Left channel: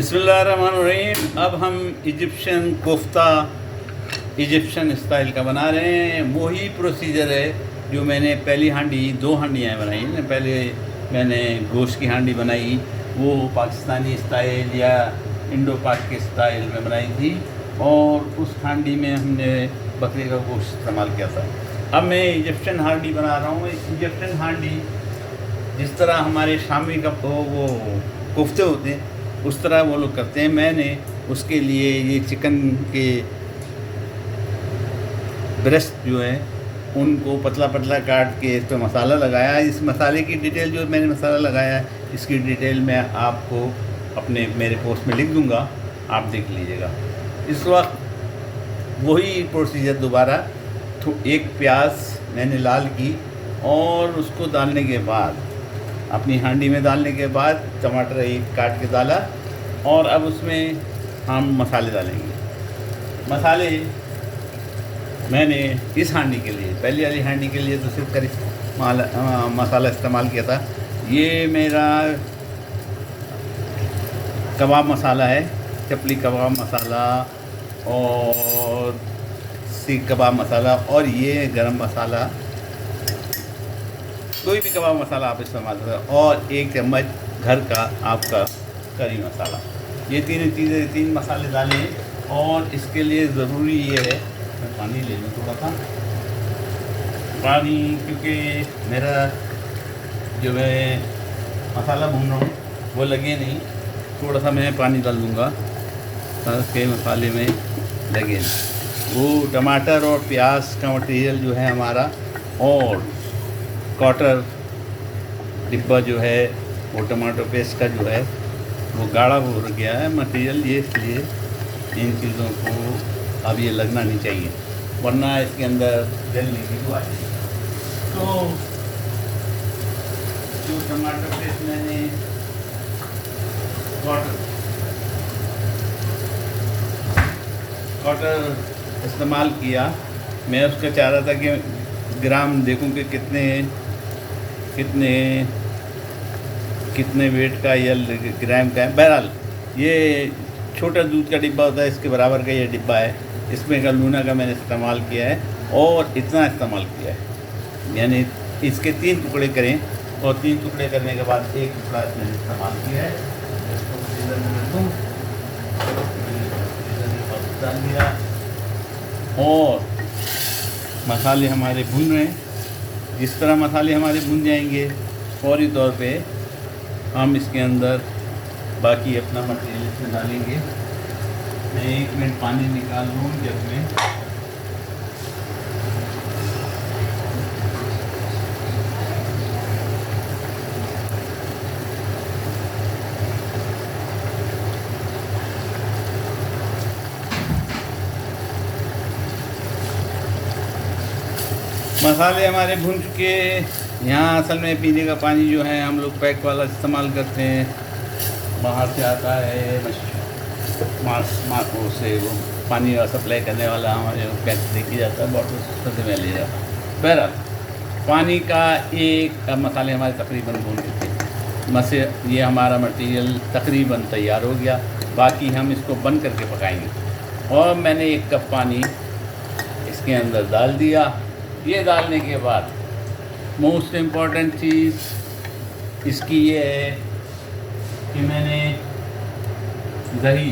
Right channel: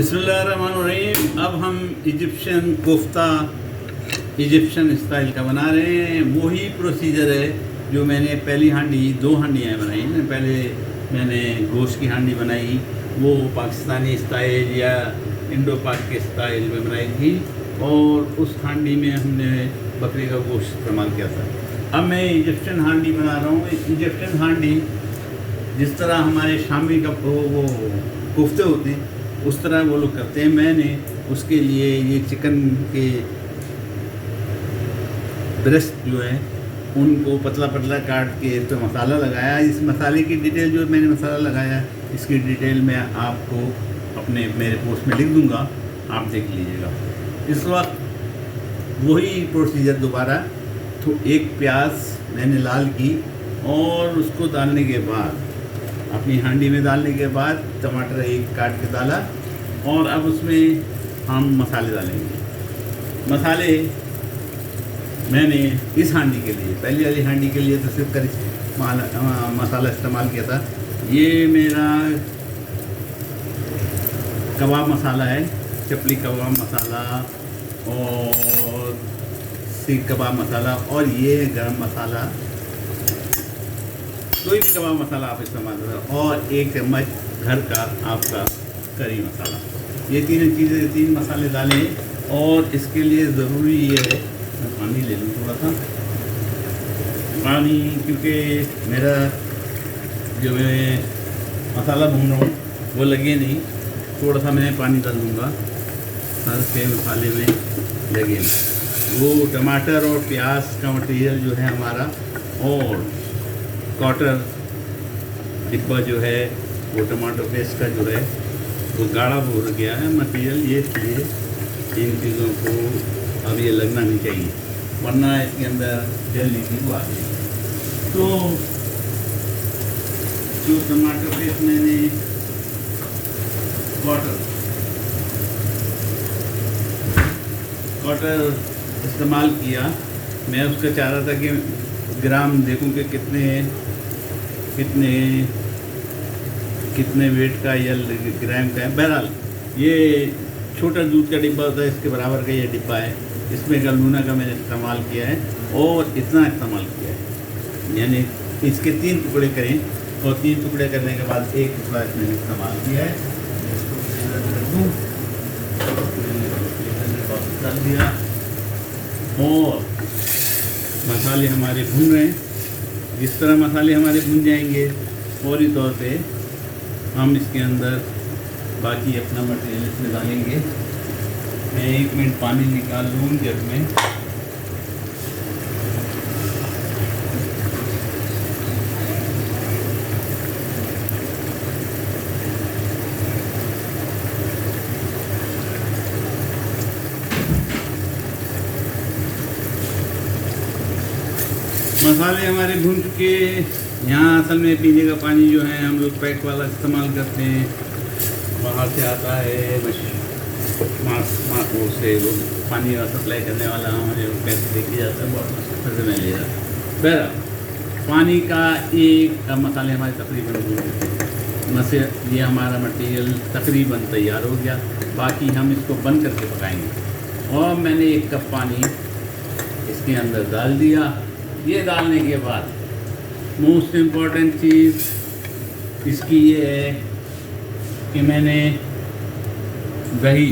बिस्मिल्लाहिर्रहमानिर्रहीम। अब हम इजिप्शियन कोफ्ता इजिप्शियन स्टाइल का बना रहे हैं। वही प्रोसीजर है जो मैंने पहली हांडी 2 हांडियाँ बनाई ना। पहले मैंने गोश्त की हांडी बनाई, वो पाकिस्तानी स्टाइल या इंडो पाक के स्टाइल में बनाई थी, और उस हांडी में हमने बकरे का गोश्त इस्तेमाल किया था। अब मैं इजिप्शियन हांडी बना रहा हूँ। इजिप्शियन हांडी जिस तरह हमारे शामी का वो कोफ्ते होते हैं उस तरह वो लोग करते हैं। मैंने उसके लिए ये चिकन के ब्रेस्ट जो है उनको पतला पतला काट के इस पर मसाला लगाया। इस मसाले की डिटेल जो मैंने मसाला लगाया इसकी डिटेल मैं आपको अपने मेरे पोस्ट में लिख दूंगा, आप देख लीजिएगा। इस वक्त वही प्रोसीजर दोबारा, तो एक प्याज मैंने लाल की और उसको डालने के बाद अपनी हांडी में डालने के बाद टमाटर एक काट के डाला, और अब उसमें हम मसाले डालेंगे। मसाले मैंने इस हांडी के लिए, पहली वाली हांडी के लिए तो सिर्फ करी मसाला इस्तेमाल किया था। ये मेरा कबाब मसाला है, चपली कबाब मसाला और सीख कबाब मसाला, और ये गरम मसाला, कोई भी कबाब मसाला आप इस्तेमाल करें, और 1 चम्मच घर का आपका करी मसाला। ये तीन मसाले डालें। और इसके लिए ज़रूरी ये है, मैं पानी ले लूँ थोड़ा सा पानी, क्योंकि मेरा जो है मसाला भून रहा हूँ वो लगे नहीं। थोड़ा सा मैं पानी डाल दूँगा ताकि मसाले में लगे नहीं। वो टमाटर और प्याज का मटेरियल जो है हमारा, और क्वार्टर डिब्बा जो है वो टमाटो पेस्ट का जो है वो गाढ़ा हो गया है मटेरियल। ये इसलिए इन चीज़ों को अब ये लगना नहीं चाहिए, वरना इसके अंदर जल नीति को आ जाएगी। तो जो टमाटो पेस्ट मैंने क्वार्टर इस्तेमाल किया, मैं उसका चाह रहा था कि ग्राम देखूं कि कितने वेट का या ग्राम का है। बहरहाल ये छोटा दूध का डिब्बा होता है, इसके बराबर का ये डिब्बा है। इसमें गंदूना का मैंने इस्तेमाल किया है और इतना इस्तेमाल किया है, यानी इसके 3 टुकड़े करें, और 3 टुकड़े करने के बाद 1 टुकड़ा इसमें इस्तेमाल किया है। डाल दिया, और मसाले हमारे भून रहे हैं। जिस तरह मसाले हमारे भून जाएंगे फौरी तौर पे हम इसके अंदर बाकी अपना मटेरियल इसमें डालेंगे। मैं 1 मिनट पानी निकाल लूँ जग में। मसाले हमारे भून चुके। यहाँ असल में पीने का पानी जो है हम लोग पैक वाला इस्तेमाल करते हैं, बाहर से आता है मार्को से, वो पानी का सप्लाई करने वाला हमारे पैसे देखी जाता है, बॉटल से मैं ले जाता हूँ। बहरहाल पानी का एक, अब मसाले हमारे तकरीबन भून गए, ये हमारा मटेरियल तकरीबन तैयार हो गया। बाकी हम इसको बंद करके पकाएंगे। और मैंने 1 कप पानी इसके अंदर डाल दिया। ये डालने के बाद मोस्ट इम्पॉर्टेंट चीज़ इसकी ये है कि मैंने दही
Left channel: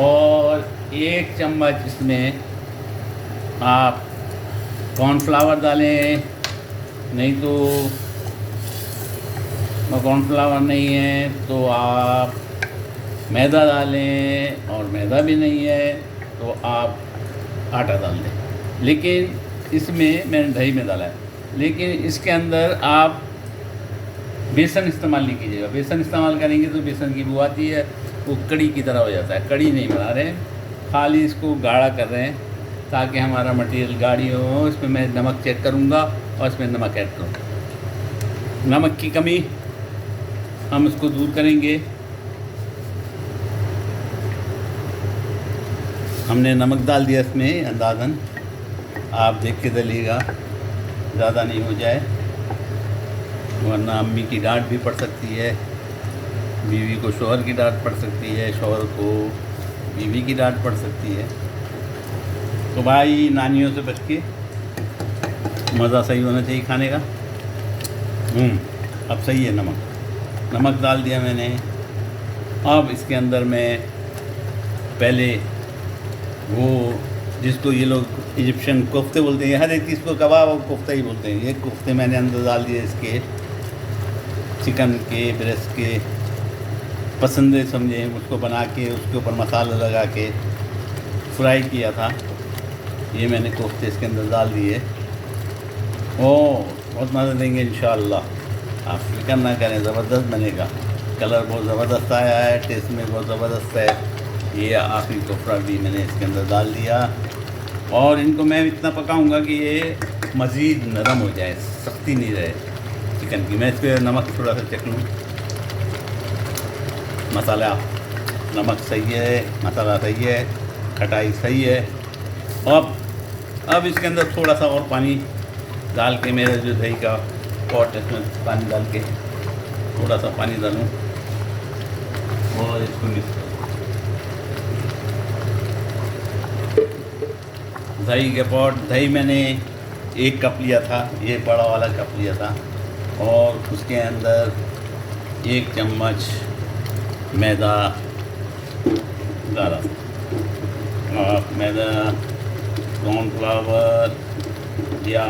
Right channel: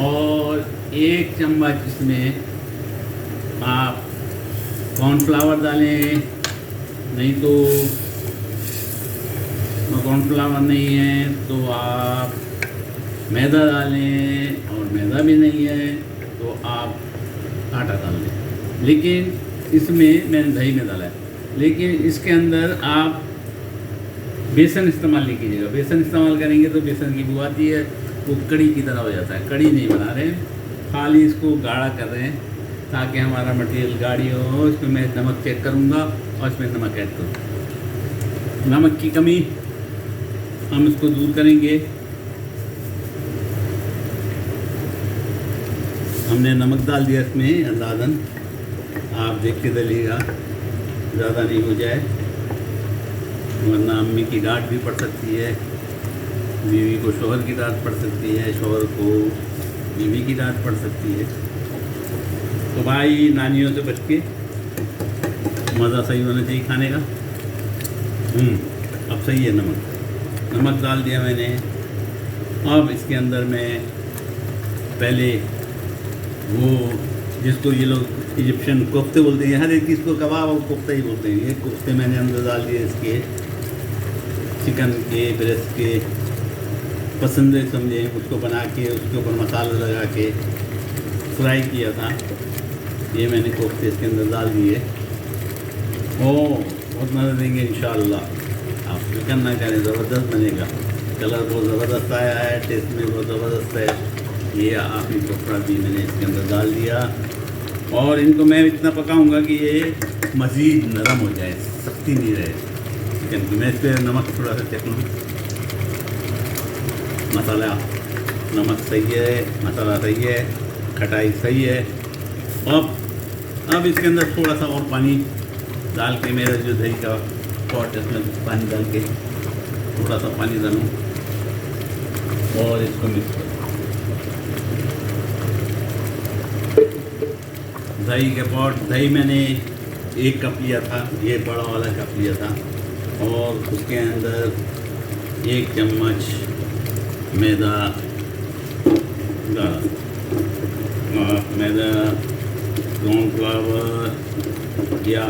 और 1 चम्मच इसमें आप कॉर्नफ्लावर डालें, नहीं तो कॉर्नफ्लावर नहीं है तो आप मैदा डालें, और मैदा भी नहीं है तो आप आटा डाल दें। लेकिन इसमें मैंने दही में डाला है, लेकिन इसके अंदर आप बेसन इस्तेमाल नहीं कीजिएगा। बेसन इस्तेमाल करेंगे तो बेसन की बू आती है, वो कड़ी की तरह हो जाता है। कड़ी नहीं बना रहे हैं, खाली इसको गाढ़ा कर रहे हैं ताकि हमारा मटेरियल गाढ़ी हो। इसमें मैं नमक चेक करूँगा और इसमें नमक ऐड करूँगा। नमक की कमी हम इसको दूर करेंगे। हमने नमक डाल दिया इसमें अंदाज़न, आप देख के डालिएगा ज़्यादा नहीं हो जाए। वरना अम्मी की डांट भी पड़ सकती है, बीवी को शौहर की डांट पड़ सकती है, शौहर को बीवी की डांट पड़ सकती है। तो भाई नानियों से बच के, मज़ा सही होना चाहिए खाने का। अब सही है। नमक डाल दिया मैंने। अब इसके अंदर मैं पहले वो जिसको ये लोग इजिप्शियन कोफ्ते बोलते हैं, हर एक चीज़ को कबाब और कोफ्ता ही बोलते हैं। ये कोफ्ते मैंने अंदर डाल दिए इसके, चिकन के ब्रेस्ट के, पसंद है समझे, उसको बना के उसके ऊपर मसाला लगा के फ्राई किया था। ये मैंने कोफ्ते इसके अंदर डाल दिए। बहुत मज़ा देंगे इंशाअल्लाह। आप फिक्र ना करें, ज़बरदस्त बनेगा। कलर बहुत ज़बरदस्त आया है, टेस्ट में बहुत ज़बरदस्त है। ये आखिरी टुकड़ा भी मैंने इसके अंदर डाल दिया और इनको मैं इतना पकाऊंगा कि ये मज़ीद नरम हो जाए, सख्ती नहीं रहे चिकन की। मैं इस पर नमक थोड़ा सा चेक लूँ। मसाला नमक सही है, मसाला सही है, खटाई सही है। अब इसके अंदर थोड़ा सा और पानी डाल के, मेरा जो दही का पॉट है उसमें पानी डाल के थोड़ा सा पानी डालूँ और इसको मिक्स करूँ। दही के पॉट, दही मैंने 1 कप लिया था, ये बड़ा वाला कप लिया था, और उसके अंदर 1 चम्मच मैदा डाला। मैदा, कॉर्नफ्लावर या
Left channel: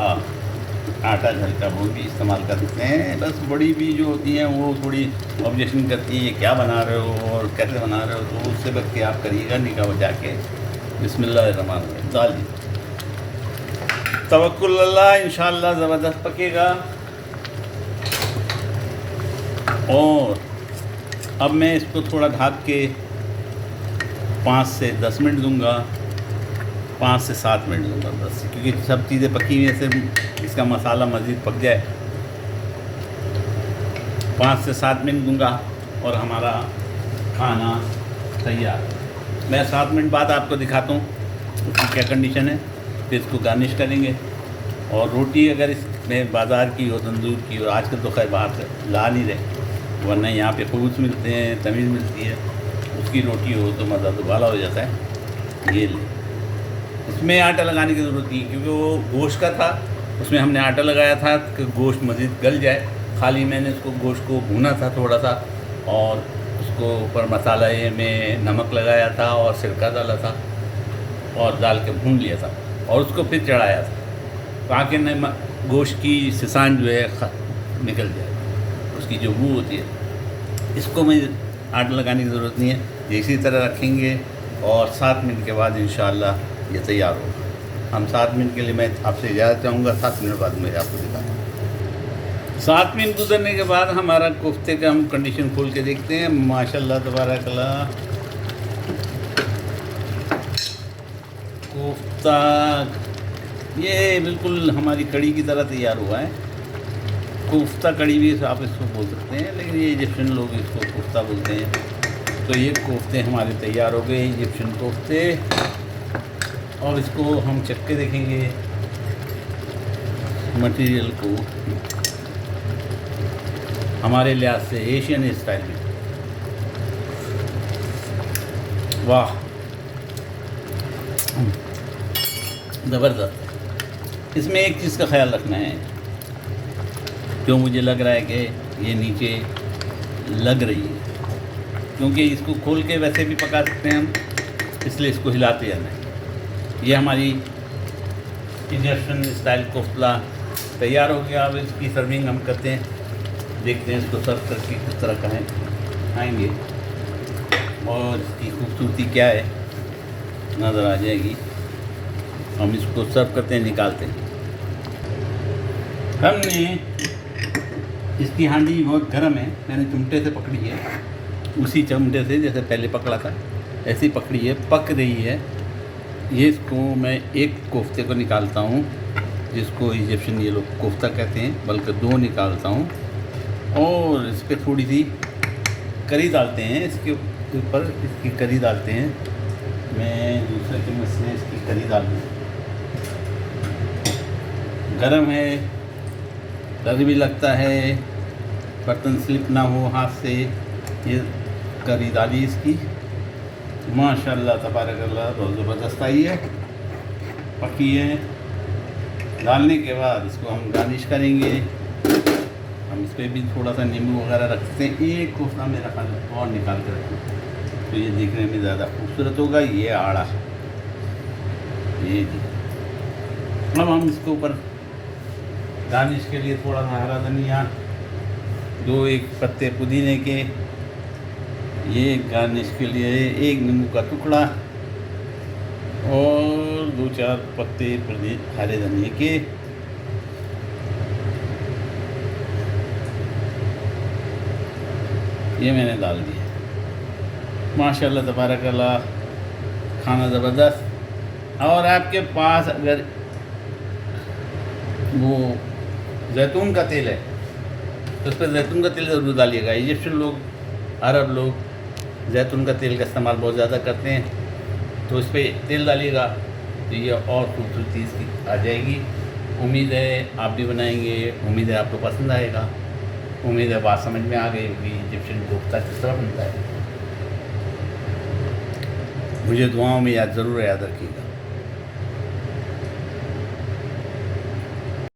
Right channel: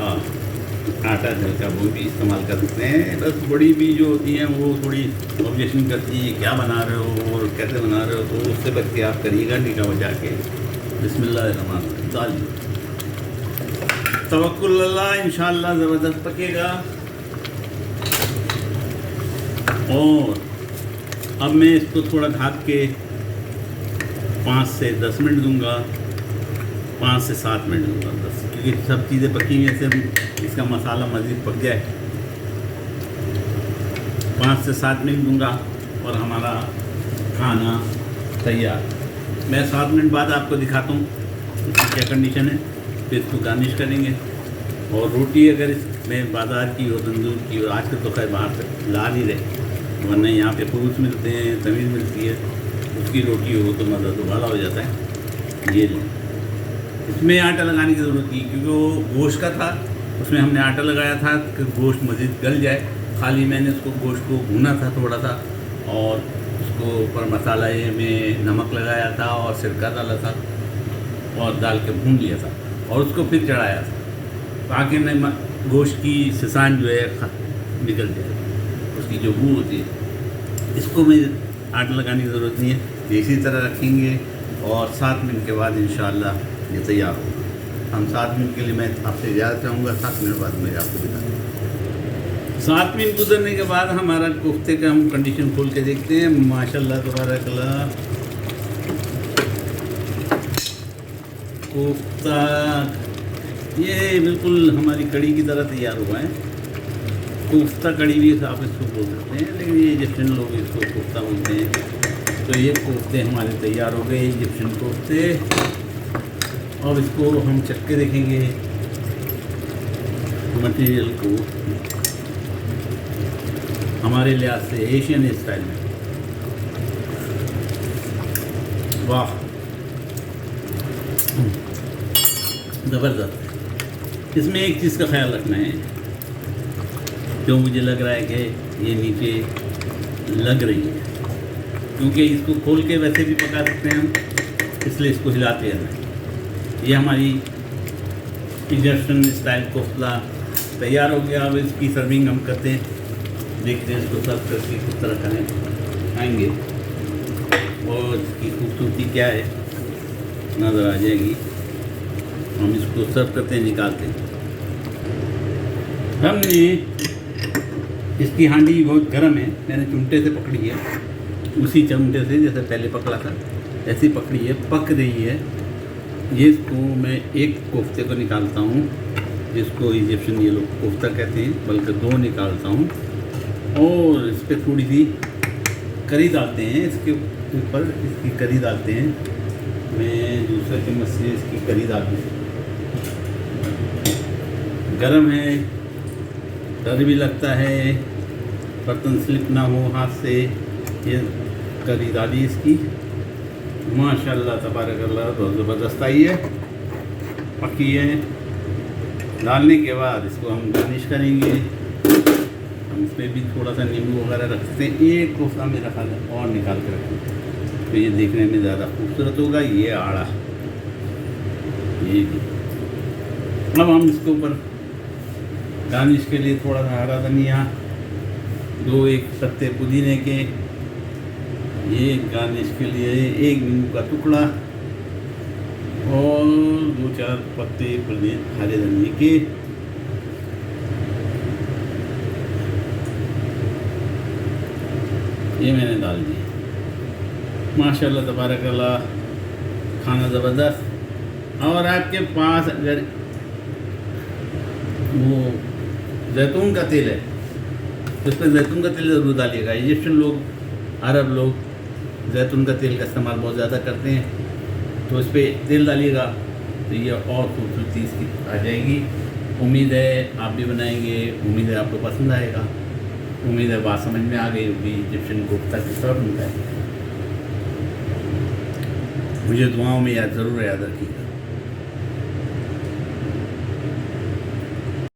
आटा घर का वो भी इस्तेमाल कर सकते हैं। बस बड़ी भी जो होती हैं वो थोड़ी ऑब्जेक्शन करती है, क्या बना रहे हो और कैसे बना रहे हो, तो उससे बच के आप करिएगा निगाह बजा के। बिस्मिल्लाहिर्रहमानिर्रहीम डालिए, तवक्कुल अल्लाह, इंशाअल्लाह ज़बरदस्त पकेगा। और अब मैं इसको थोड़ा ढक के 5 से 10 मिनट दूंगा, 5 से 7 मिनट दूंगा बस, क्योंकि सब चीज़ें पकी हुई से इसका मसाला मज़ीद पक जाए। 5 से 7 मिनट दूंगा और हमारा खाना तैयार। मैं 7 मिनट बाद आपको दिखाता हूँ इसकी क्या कंडीशन है, फिर इसको गार्निश करेंगे। और रोटी अगर इसमें बाज़ार की हो, तंदूर की हो, आजकल तो खैर बाहर से ला ही रहे, वरना यहाँ पे फूल्स मिलते हैं, तमीज़ मिलती है, उसकी रोटी हो तो मज़ा दोबारा हो जाता है। ये ले, इसमें आटा लगाने की ज़रूरत नहीं, क्योंकि वो गोश्त का था, उसमें हमने आटा लगाया था कि गोश्त मज़ीद गल जाए। खाली मैंने उसको गोश्त को भूना था थोड़ा सा, और उसको ऊपर मसाला में नमक लगाया था और सिरका डाला था और डाल के भून लिया था और उसको फिर चढ़ाया था, ताकि में गोश्त की सिसान जो है निकल जाए, उसकी जो बू होती है। इसको मैं आटा लगाने की ज़रूरत नहीं है, इसी तरह रखेंगे और 7 मिनट के बाद इंशाअल्लाह ये तैयार हो। हम 7 मिनट के लिए मैं आपसे इजाज़त चाहूँगा, 7 मिनट बाद मैं आपको दिखाऊँगा। 7 मिनट गुजरने के बाद हमारा कोफ्ते का हम कंडीशन खोल के देखते हैं। माशाल्लाह तबारकल्लाह, कोफ्ता ये बिल्कुल हमारी कड़ी की तरह तैयार हुआ है। कोफ्ता कड़ी भी आप इसको बोल सकते हैं, लेकिन ये इजिप्शियन लोग इसको कोफ्ता बोलते हैं। तो ये कोफ्ते हमारे तैयार हो गए, इजिप्शियन कोफ्ते। और इसको हम चख के देखेंगे मटेरियल को हमारे लिहाज से एशियन स्टाइल में। वाह, ज़बरदस्त। इसमें एक चीज़ का ख्याल रखना है, जो मुझे लग रहा है कि ये नीचे लग रही है, क्योंकि इसको खोल के वैसे भी पका सकते हैं हम, इसलिए इसको हिलाते हैं हमें। ये हमारी इजिप्शियन स्टाइल कोफ्ता तैयार हो गया। अब इसकी सर्विंग हम करते हैं, देखते हैं इसको सर्व करके किस तरह करें आएंगे और इसकी खूबसूरती क्या है नज़र आ जाएगी। हम इसको सर्व करते हैं, निकालते हैं। हमने इसकी हांडी बहुत गर्म है, मैंने चिमटे से पकड़ी है, उसी चिमटे से जैसे पहले पकड़ा था ऐसी पकड़ी है, पक रही है। ये इसको मैं एक कोफ्ते को निकालता हूँ, जिसको इजिप्शियन ये लोग कोफ्ता कहते हैं, बल्कि 2 निकालता हूँ और इस पर थोड़ी सी करी डालते हैं, इसके ऊपर इसकी करी डालते हैं। मैं दूसरे चम्मच से इसकी करी डाल दूँ। गर्म है, डर भी लगता है, बर्तन स्लिप ना हो हाथ से। ये करी डाली इसकी, माशाल्लाह तबारकल्लाह, बहुत ज़बरदस्त आई है, पकी है। डालने के बाद इसको हम गार्निश करेंगे। हम इस पर भी थोड़ा सा नींबू वगैरह रखते हैं। एक कोसा मेरा ख्याल है और निकाल के रखते, तो ये देखने में ज़्यादा खूबसूरत होगा। ये आड़ा, ये अब हम इसके ऊपर गार्निश के लिए थोड़ा सा हरा धनिया, 2-1 पत्ते पुदीने के, ये गार्निश के लिए 1 नींबू का टुकड़ा और 2-4 पत्ते हरे धनिए के। ये मैंने डाल दिया। माशाल्लाह तबारकल्लाह, खाना ज़बरदस्त। और आपके पास अगर वो जैतून का तेल है तो उस पर जैतून का तेल ज़रूर डालिएगा। इजिप्शियन लोग, अरब लोग जैतून का तेल का इस्तेमाल बहुत ज़्यादा करते हैं, तो उस पर तेल डालिएगा तो ये और खूबसूरती इसकी आ जाएगी। उम्मीद है आप भी बनाएंगे, उम्मीद है आपको पसंद आएगा, उम्मीद है बात समझ में आ गई होगी। इजिप्शियन कोफ्ता किस तरह बनता है, मुझे दुआओं में ज़रूर याद रखिएगा।